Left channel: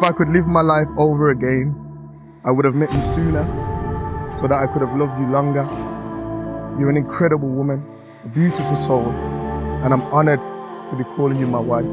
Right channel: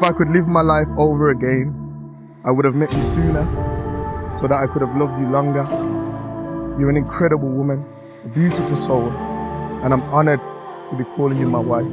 If I could live my life over again, I would have met you sooner so that I could have loved you longer. You're an incredible woman, a beautiful soul, and I'm honored to be calling you my wife.